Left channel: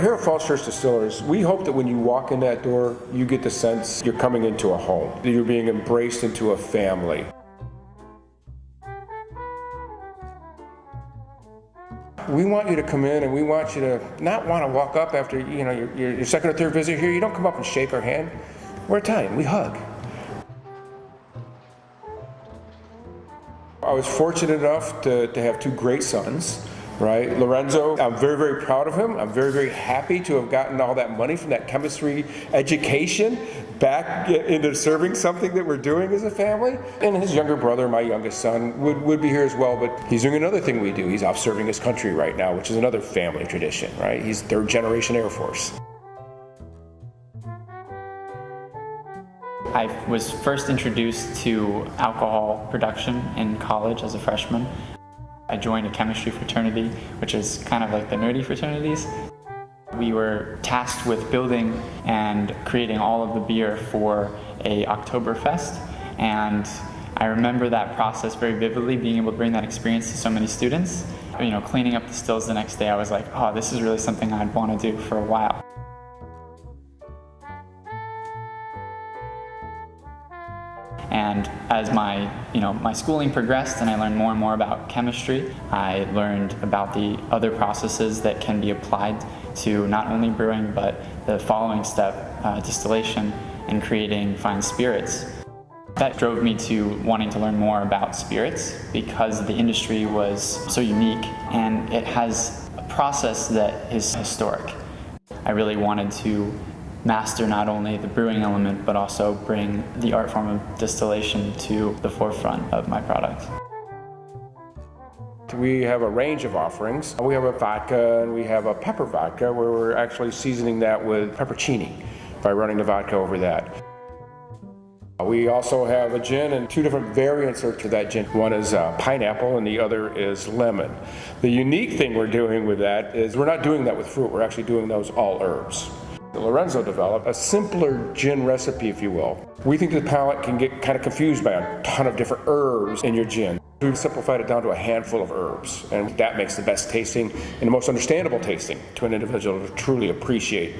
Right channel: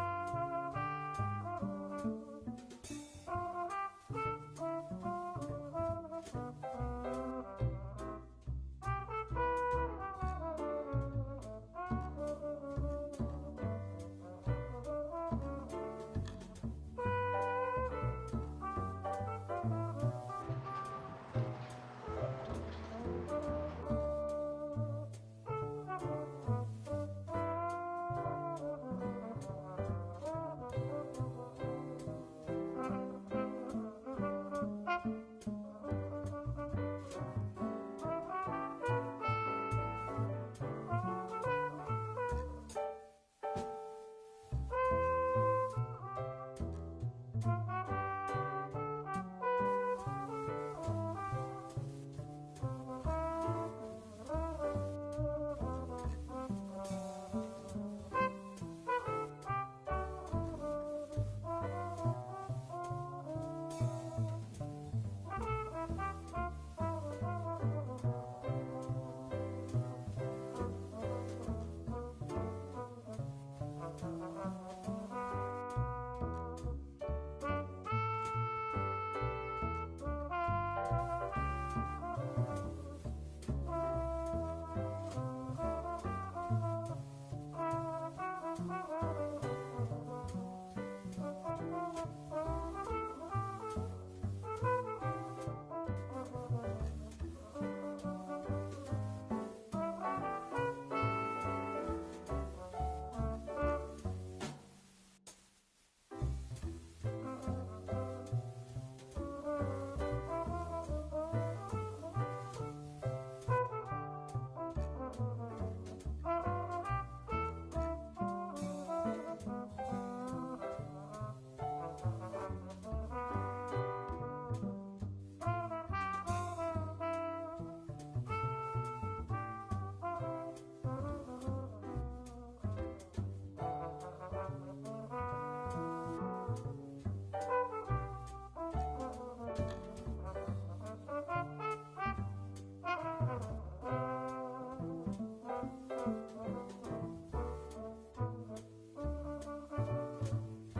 Here at Falls Church Distillers, we hope that when you walk in that door, you get the sense you're coming into a home, that you're being embraced into a family. We want you to come in, and we want you to not want to walk up after your second or third visit here. You don't come up and shake our hand. We're Italian, we hug. I was fortunate enough to have two great sons, right? Lorenzo, I'm very, very proud of him. I'm very, very happy to have gotten all that money from that chemistry education back into serving something that we're doing as a family. And his younger brother, my youngest son, would be here as well, but he's doing another thing we do. He's off serving his country right now, which is another family tradition, right? He's third generation Air Force. I was first introduced to alcohol production in college as a freshman. I joined a chemistry fraternity, which is kind of like the nerdy fraternities. We were tasked with building and creating all of the beer for a Oktoberfest, and I remember that process very vividly, being able to bring that experience to so many students. Cleaning up the stills the next day, I was like, oh, this is really something I'd want to do for a while. And as my schooling progressed and I learned more and more about chemistry, I learned about the other processes that can be applied to not only brewing, but the following step, distillation and creating fine spirits. That drove me to wanting to learn more about spirits because the industry was so unique and it has a process that is historic. I really wanted to master not only the brewing element, but also bring the art form of distillation to the forefront of my product. We have a range of offerings. We have a vodka and we have a pepper vodka where we're actually seasoning that with peppercini by running the vodka over that. We also have a gin and two different variants to that gin. One is pineapple and the other is lemon. The unique thing we're doing with that is we're not doing that with fruit, we're actually doing those all herbs. Lorenzo developed a simpler gin recipe, if you will. We think the palate can get kind of confused by a ton of different herbs in your gin. We've simplified it down to a handful of herbs, and that makes the best tasting and the most understandable tasting to an individual to truly appreciate.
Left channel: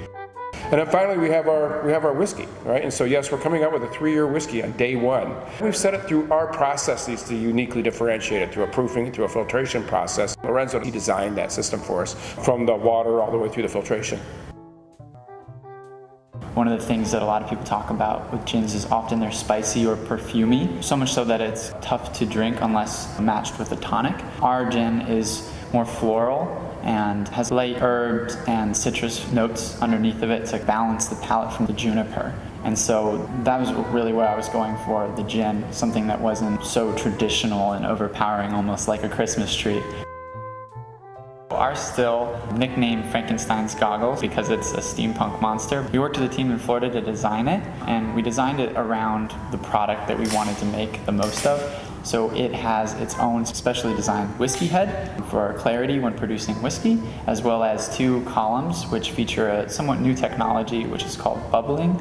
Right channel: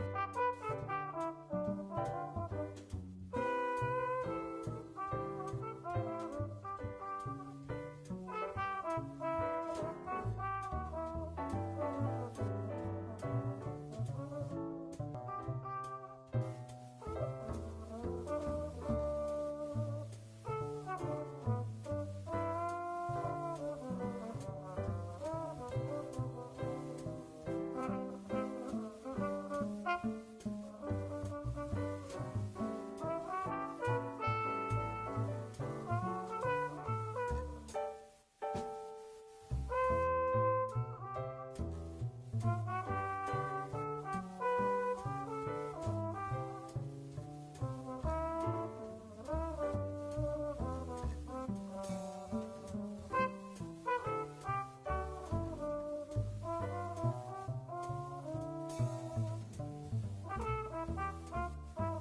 And then finally, we have our whiskey, right? And so yes, we're coming out with a 3-year whiskey on day one. We've set it through our processes to uniquely differentiate it through a proofing, through a filtration process. Lorenzo, he designed that system for us from the water all the way through the filtration. One of the things that a lot of people talk about with gins is often they're spicy or perfumey, so much so that it's tough to drink unless matched with a tonic. Our gin is more floral and has light herbs and citrus notes underneath of it to balance the palate from the juniper. And so that was really what I was going for, the gin, something that wasn't so traditional and overpowering, almost like a Christmas tree. Our still, nicknamed Frankenstein's Goggles because it's a steampunk monster. We worked with a team in Florida to design it, and we designed it around the product that we wanted to make the most of. So it has its own specially designed whiskey head for clarity when producing whiskey, as well as 2 columns which feature a somewhat new technology which is called bubbling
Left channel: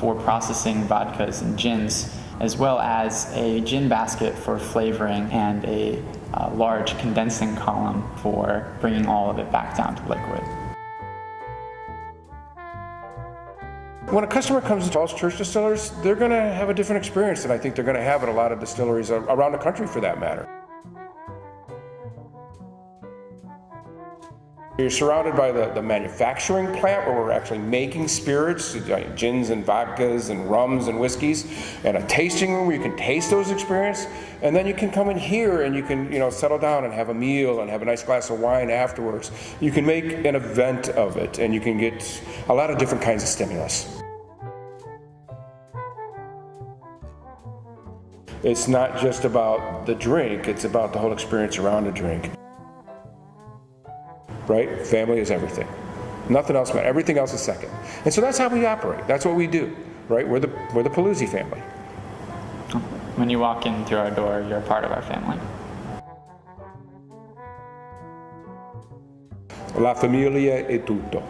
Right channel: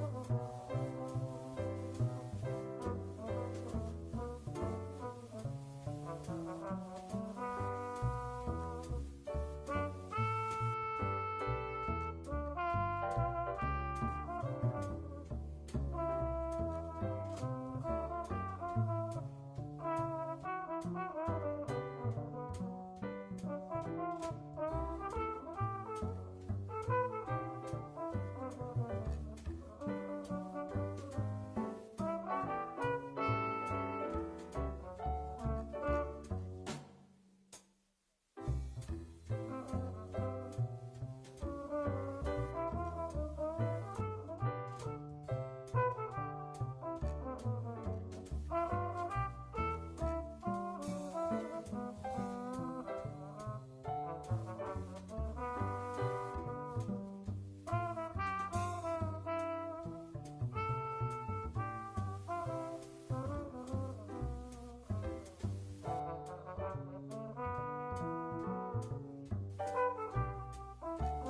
for processing vodkas and gins, as well as a gin basket for flavoring and a large condensing column for bringing all of it back down to liquid. When a customer comes to Falls Church Distillers, they're going to have a different experience than I think they're going to have at a lot of distilleries around the country for that matter. You're surrounded by the manufacturing plant where we're actually making spirits, gins and vodkas and rums and whiskeys, and a tasting room where you can taste those experiences, and then you can come in here and you can settle down and have a meal and have a nice glass of wine afterwards. You can make an event of it and you can get a lot of different kinds of stimulus. It's not just about the drink, it's about the whole experience around the drink. Right? Family is everything. Nothing else matters. Everything else is second. And so that's how we operate. That's what we do. Right? We're the Paluzzi family. When you walk in through our door, you're a part of our family. La famiglia è tutto.